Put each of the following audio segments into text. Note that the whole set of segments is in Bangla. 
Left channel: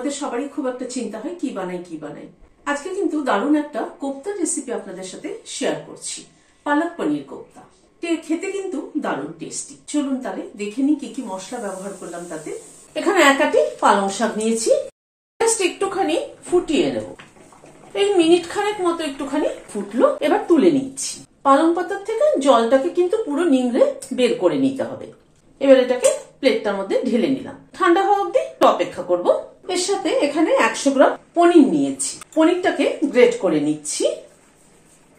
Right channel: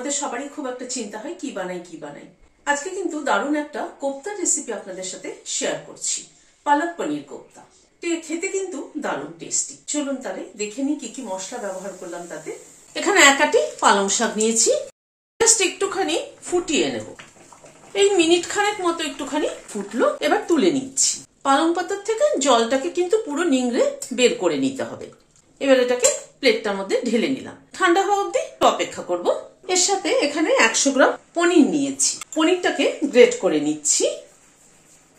আমাদের সবারই খুব একটা চিন্তা হয় কি বানাই। আজকে কিন্তু দারুণ একটা কোপ্তা রেসিপি আপনাদের সাথে শেয়ার করছি, পালক পনির কোপ্তা। খেতে কিন্তু দারুণ টেস্টি। চলুন তাহলে দেখে নিই কি কি মশলা ব্যবহার করলাম তাতে। এখানে এক আটি পালং শাক নিয়েছি, জাস্ট একটুখানি ফুটিয়ে নেব। এই মিনিট খানেক মতো একটুখানি ফুটলো, এবার তুলে নিচ্ছি। পালং পাতার থেকে জলটাকে কিন্তু পুরো নিংড়ে বের করে নিতে হবে। এবার এটাকে প্লেটটার মধ্যে ঢেলে নিলাম, ঠান্ডা হওয়া অবধি অপেক্ষা করব। এর সাথে এখানে 100 গ্রাম পনির নিয়েছি, পনিরটাকে গ্রেট করে নিচ্ছি।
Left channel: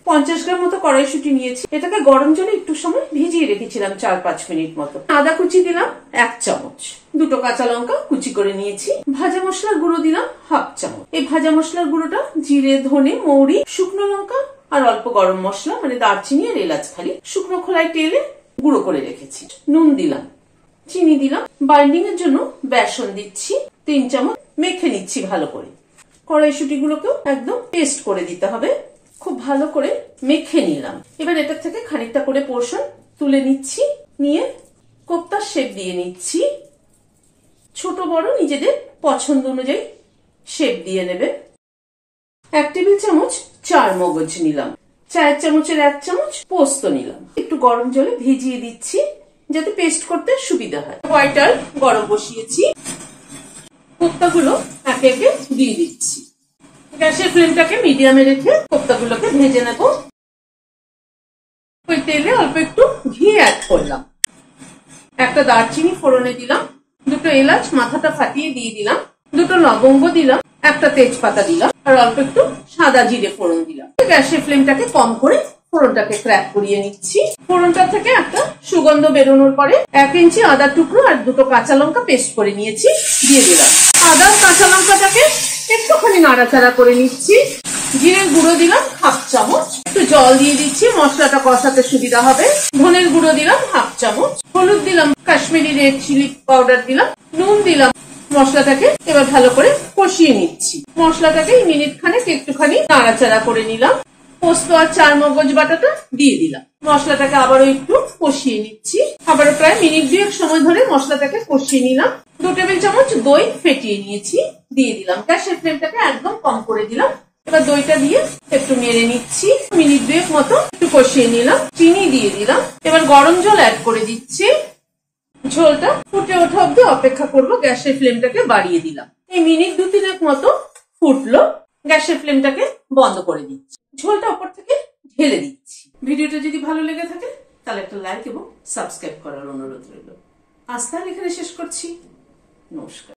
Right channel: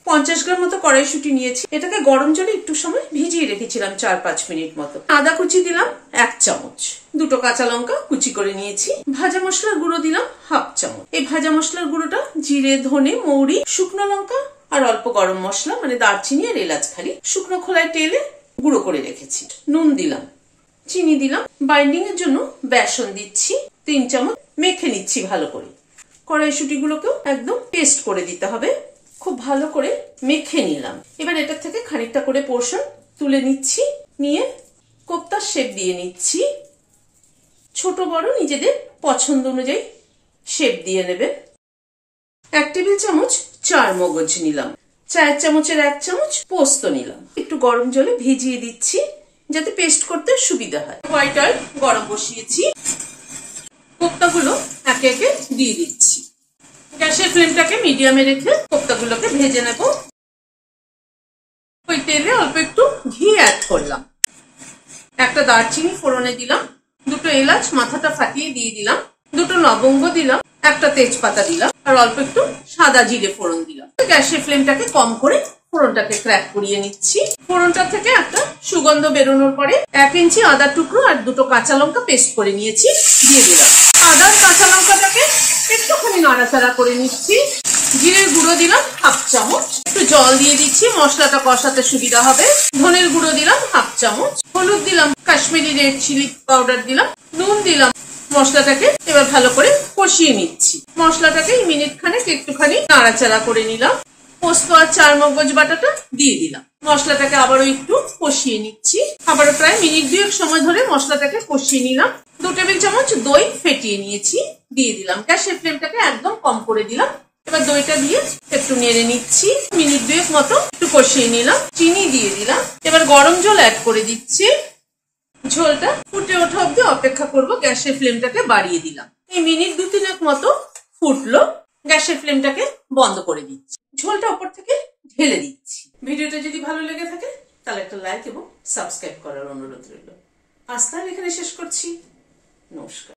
50 গ্রাম মতো কড়াইশুঁটি নিয়েছি, এটাকে গরম জলে একটু সময় ভিজিয়ে রেখেছিলাম 4-5 মিনিট মতো। আদা কুচি দিলাম 1 চামচ, দুটো কাঁচা লঙ্কা কুচি করে নিয়েছি। ভাজা মশলার গুঁড়ো দিলাম 1/2 চামচ। এই ভাজা মশলার গুঁড়োটা জিরে, ধনে, মৌরি, শুকনো লঙ্কা আর অল্প গরম মশলা মানে দারচিনি আর এলাচ খালি শুকনো খোলায় টেলে গুঁড়ো করে রেখেছি। নুন দিলাম, চিনি দিলাম, বাইন্ডিং এর জন্য বেসন দিচ্ছি 3 চামচ। মেখে নিচ্ছি ভালো করে। কড়াইশুঁটিগুলোকেও একদম পেস্ট করে দিতে হবে। খুব ভালো করে মেখে নিলাম। এবার এটার থেকে খানিকটা করে পোর্শন তুলে নিচ্ছি, নিয়ে কোপ্তার শেপ দিয়ে নিচ্ছি। ছোট বড় নিজেদের পছন্দ অনুযায়ী শেপ দিয়ে নেবে। 1 টেবিল চামচ চার মগজ নিলাম, চায়ের চামচের 1 চামচ পোস্ত নিলাম। একটু গরম জলে ভিজিয়ে দিচ্ছি যাতে পেস্ট করতে সুবিধা হয়। হোয়াইট অয়েল গরম বসিয়েছি, কোপ্তাগুলো একে একে দিয়ে দিচ্ছি। গ্যাসের ফ্লেমটাকে মিডিয়ামে রেখে কোপ্তাগুলোকে ভেজে নেব। ওই তেলে অল্প একটু ঘি অ্যাড করলাম, একটা দারচিনি ফোড়নে দিলাম, দুটো এলাচ মাথাটা ফাটিয়ে দিয়ে দিলাম, দুটো লবঙ্গ দিলাম, একটা তেজপাতা দিলাম আর অল্প একটু সাদা জিরে ফোড়ন দিলাম। গ্যাসের ফ্লেমটাকে কম করে ফোড়নটাকে ক্র্যাক করিয়ে নিচ্ছি। ফোড়নটা থেকে একটা সুগন্ধ বেরোনোর পরে 1 ইঞ্চি আদার টুকরো আর দুটো কাঁচা লঙ্কা পেস্ট করে নিয়েছি দিয়ে দিলাম। আদার কাঁচা লঙ্কাটাকে একটুখানি নাড়াচাড়া করে নিচ্ছি। জিরের গুঁড়ো দিলাম 1/2 চামচ, একটু জল দিয়ে দিচ্ছি মশলাটা কষাতে সুবিধা হবে। ধনের গুঁড়ো দিলাম 1/2 চামচ, হলুদ দিলাম, কাশ্মীরি রেড চিলি পাউডার দিলাম, নুন দিলাম। মশলাটাকে এবার ভালো করে কষিয়ে নিচ্ছি। মশলাটাকে মিনিট খানেক একটুখানি নাড়াচাড়া করে নিলাম। পোস্ত আর চার মগজ বাটাটা দিয়ে দিলাম। মশলাটাকে আবারও একটু কষিয়ে নিচ্ছি। আবারও প্রায় মিনিট 2 সময় ধরে মশলাটাকে কষিয়ে নিলাম। 2 টেবিল চামচ দই ফেটিয়ে নিয়েছি দিয়ে দিলাম। গ্যাসের ফ্লেমটাকে একদম কম করে দিলাম। এবার দইটা দিয়ে একটু নেড়ে নিচ্ছি। মিনিট 2 মতো একটু কষিয়ে নিলাম। চিনি দিয়ে দিলাম। এবার গরম জল অ্যাড করে দিচ্ছি। ঝোলটা ফুটে ওঠা অব্দি অপেক্ষা করব। গ্যাসের ফ্লেমটাকে বাড়িয়ে দিলাম। এই মিনিট 2-3 মতো ফুটলো, গ্যাসের ফ্লেমটাকে বন্ধ করে দিচ্ছি। ঝোলটা উপর থেকে ঢেলে দিচ্ছি। ভিডিওটা যদি ভালো লেগে থাকে তাহলে একটা লাইক এবং সাবস্ক্রাইব করার অনুরোধ রইল। আজ তাহলে এখানে শেষ করছি। নমস্কার।